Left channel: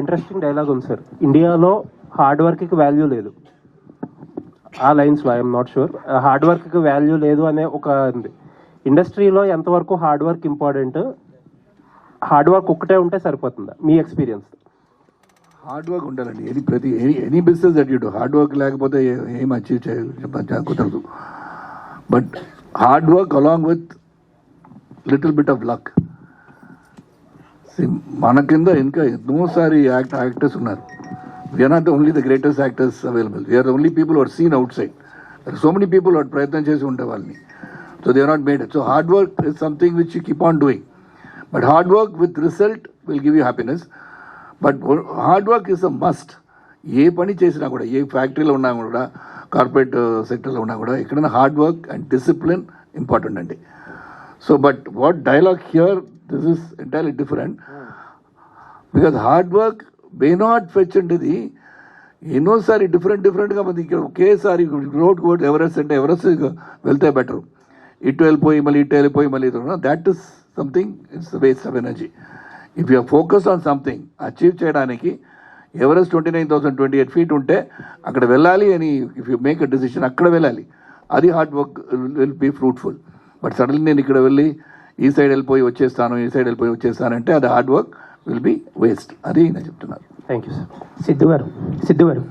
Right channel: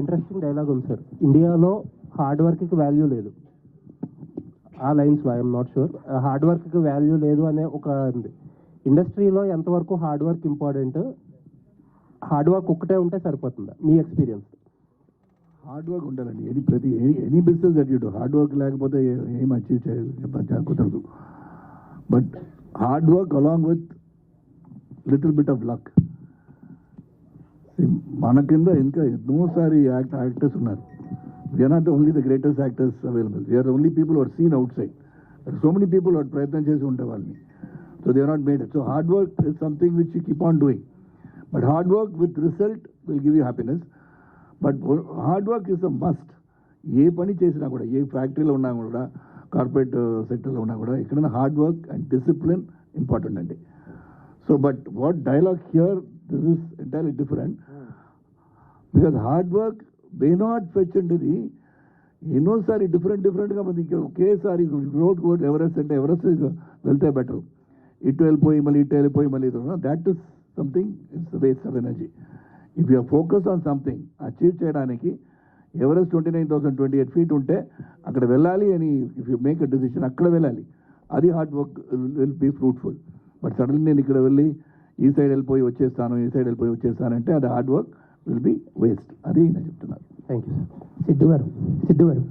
Interesting dialogue ఉంది sir. ఇండియాలో hard వర్క్కి వాల్యూ లేదు. ఆ లైన్స్లో ఐఎమ్ నాట్ షూర్. హార్డ్ వర్క్కి వాల్యూ లేదు అనే ఒక ఉంది. ఇండస్ట్రీలో ఎంతవరకు hard work important, hard work ఒక్కటే ఉంటే సరిపోతుందా మీ ఎక్స్పీరియన్స్? హార్డ్ వర్క్ ఉండాలండి. Any business that you do, hard work లేకపోతే ఏం అచీవ్ కుదరదు. But hard work along with little bit of luck. మన కింద ఇంకా ఎన్నోసారి యాక్టర్స్ ఉన్నారు. We're not only the greatest actors available, we are only people are seen outside. So many people వాడు ప్రయత్నం చేసి ఉంటే వాళ్ళని. So they are not made. So hard work is something which you keep on doing. But hard work with result will give you happiness. But hard work is a must. ఏ పని చేసినా కూడా, ఏ ఫ్యాక్టరీలో ఉన్నా కూడా, కార్పొరేట్ సెక్టర్లో ఉన్నా కూడా, ఎక్కడైనా hard work and discipline important అండి. So but what dialogue here, this is entirely different. Because hard work may not fetch అంటేది ఎన్నోసారి డిఫరెంట్గా మంది ఇక్కడ ఒకేసారి రోడ్ ఎవరెస్ట్ అంటే ఎవరెస్ట్ వెళ్తే బెటర్. ఇటు వెళ్ళిపోయి మళ్ళీ ఇటు వెళ్ళిపోయి మళ్ళీ that is something, it's waste of energy. If you focus on something achieve చేయడానికి, ఎవరెస్ట్ 29,028 feet ఉంటే అక్కడ వెళ్ళాలి అని if you make a decision అక్కడ వెళ్ళాలి. అది hard work will be fruitful. But suddenly నేను ఇక్కడ వెళ్ళి ఈ సైడ్ వెళ్ళిపోయి వచ్చేస్తాను అంటే అది hard work will be waste. అది నేను చెప్తున్నాను. Thank you sir. సిద్ధు గారు